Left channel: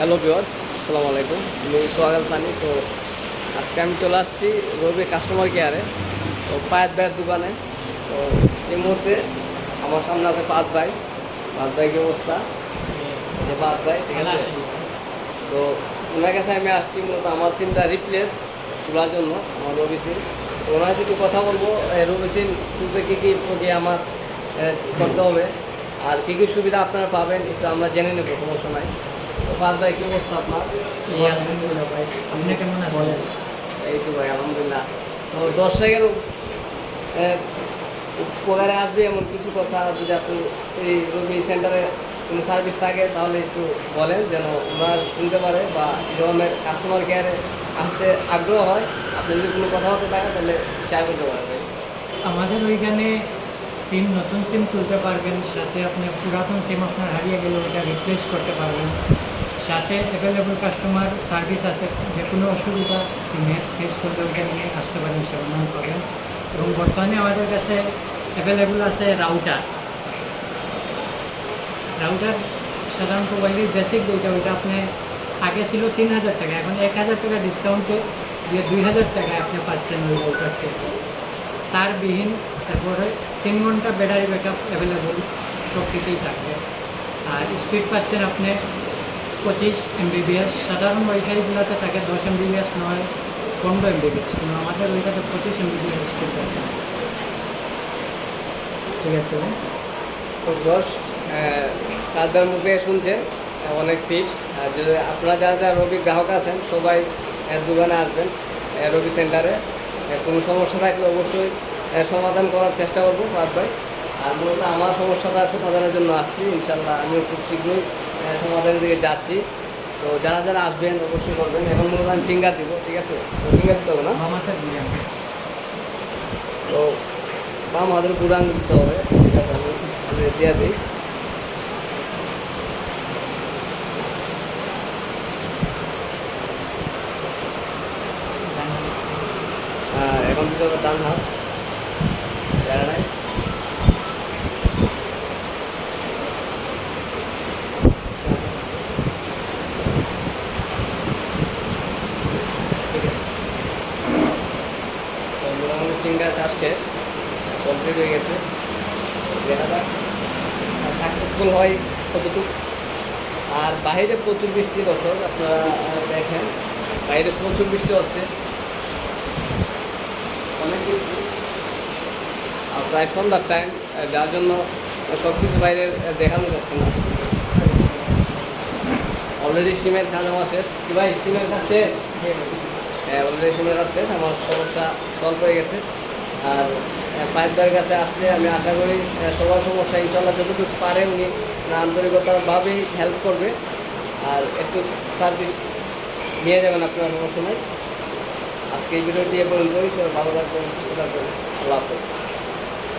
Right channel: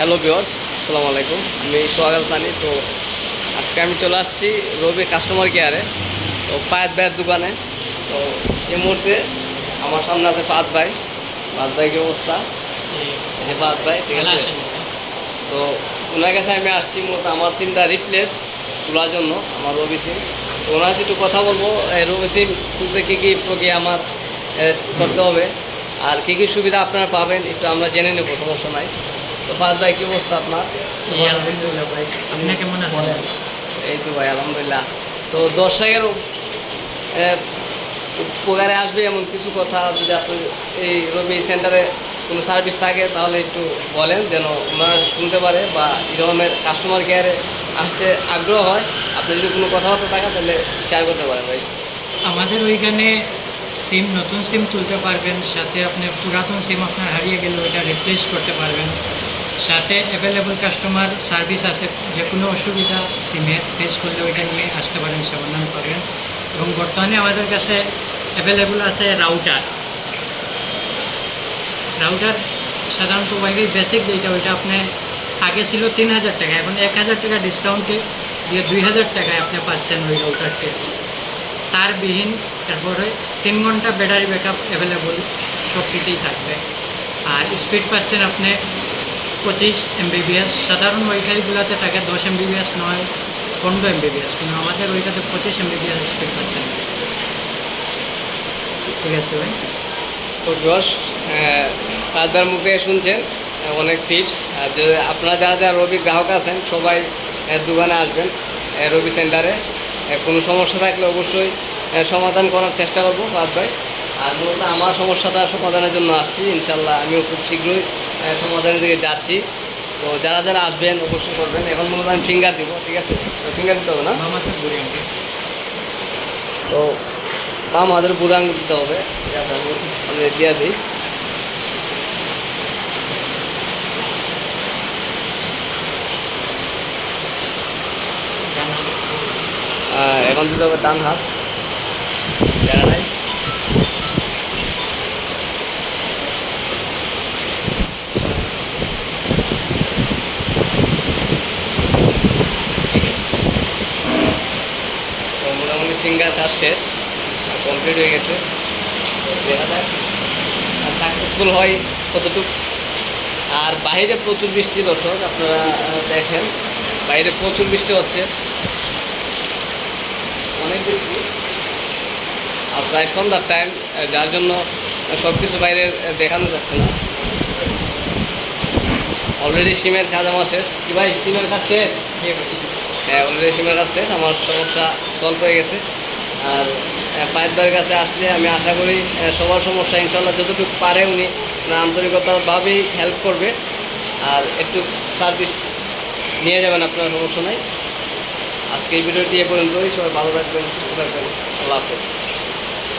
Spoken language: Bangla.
হ্যালো ভিওর্স আসসালামু আলাইকুম। আমি সোহাগাল সানি তো আজকে আমি চলে আসছি রবি কাস্টমার কেয়ারে তো পায়ের ভাইয়ের দোকানে। তো এই মুহূর্তে আমার সামনে আছে ফাত ভাই। ফাত ভাই কি অবস্থা? এই যে ফাত ভাই ঠিক আছে? তো ওনার কাছে আমি আসছি মূলত আমার সিমটা রিপ্লেস তোলার জন্য আমার রবি সিম। তো ওনার সাথে একটু কথা বলব এই রবি সিম তুলতে কী কী প্রক্রিয়া আমার করতে হবে আর কী কী সুবিধা আপনারা পাবেন একটু আমরা জেনে নেব সমস্যা নাই। তো ভাই কী অবস্থা আপনার? এই আলহামদুলিল্লাহ ভাই আপনি কেমন আছেন? এই তো ভাই আলহামদুলিল্লাহ। তো দর্শকের উপকারে আসবে এমন কিছু কথা যদি আপনি এই রবি সেন্টারে কোনো সার্ভিস থাকে তাহলে একটু বলেন যেন ওনারা শুনতে পারে বা ধরনের কাস্টমার কেয়ারে আসতে আগ্রহ হয়। আপনি যদি কোনো কথাবার্তা থাকে তাহলে শেয়ার করতে পারেন ভাই। আমাদের ওইখানে সিম নতুন সিম তুলতে পারবেন সাথে আপনি পুরাতন সিম আপনার হারিয়ে গেলে ওইটা রিপ্লেস করতে পারবেন। সাথে অ্যাভেলেবল কাস্টমার সার্ভিস আছে যে কোনো অসুবিধা সিমে ফেস করলে ওইটা নিয়ে আসতে পারেন সমাধান পাবেন। এবং বর্তমানে আমাদের কাছে অ্যাভেলেবল আছে রাউটার রাউটার সাধারণত ওয়াইফাই বেসিক যেটা, ওইটা আপনি, আগে ছিল তিন হাজার টাকা, এখন এক হাজার টাকা ডিসকাউন্টে দিয়ে দুই হাজার টাকায় আপনি পাচ্ছেন ওই রাউটারটি তার বিহীন তারপরে তিন ঘণ্টা ব্যাটারি ব্যাকআপ অ্যাভেলেবল সব থাকবে। আর স্পিড পাচ্ছেন আপনি পঁচিশ এমবিবিএস। সাধারণ ওয়াইফাইগুলোতে থাকে দশ এমবিবিএস, নয়, পনেরো এমবিবিএস। কিন্তু আমাদের ওইটাতে পঁচিশ এমবিবিএস স্পিড পাচ্ছেন ঠিক আছে ভাই? তো যশ ফাদার মুখে শুনছেন অনেক টিপস আর যে আপনারা যারা যারা রবি গ্রাহক আছেন, সবাই দোকানে আসবেন রবি সেন্টারে কোনো সমস্যা থাকলে অবশ্যই সমাধান করার চেষ্টা করব ফাদ ভাই। আর মূলত আমার সমস্যাটা সমাধানের জন্য আসছি। ইনশাল্লাহ আমিও খুব শীঘ্রই সমাধানের দিকে যাচ্ছি। তো যারা যারা আসবেন অবশ্যই করবেন। এখন মূলত আমি ফিঙ্গার দিব ঠিক আছে? তো ফিঙ্গার দিতে হবে না? তো বাম হাতের বুড়ো আঙুল দিতে হবে ঠিক আছে? আমি আমি দিয়ে দিই। এখন দিতে হবে ডান হাত। জায়গা নাই তো মোটামুটি ফিঙ্গার কাজ শেষ। কমপ্লিট হয়ে গেছে। দেখা যাক আর সাকসেসফুল হয় কতটুকু। আর বাইরে প্রচুর বৃষ্টি দর্শক, আপনারা দেখেন, বাইরে প্রচুর বৃষ্টি হচ্ছে। অনেক বৃষ্টি। প্রায় সন্ধ্যার টাইম যার জন্য সব কিছু বাইরে দেখানো যাচ্ছে না। অলরেডি সিমের কাজ আমার শেষ। কি ভাই, সিমের কাজ শেষ? অলরেডি সিমের কাজ শেষ আমার সমস্যা সলভ হয়ে গেছে। আর পায়ের কাছে আসলে আমি আশা করি সবার সমস্যা ইনশাল্লাহ যতটুকু পারে উনি আন্তরিকতাভাবেই হেল্প করবে। আর একটু সার্ভিস নিয়ে যাবেন আপনার সমস্যা নাই। আজকে এই ভিডিওটি এ পর্যন্তই। সবাই ভালো থাকবেন, সুস্থ থাকবেন। আল্লাহ হাফেজ।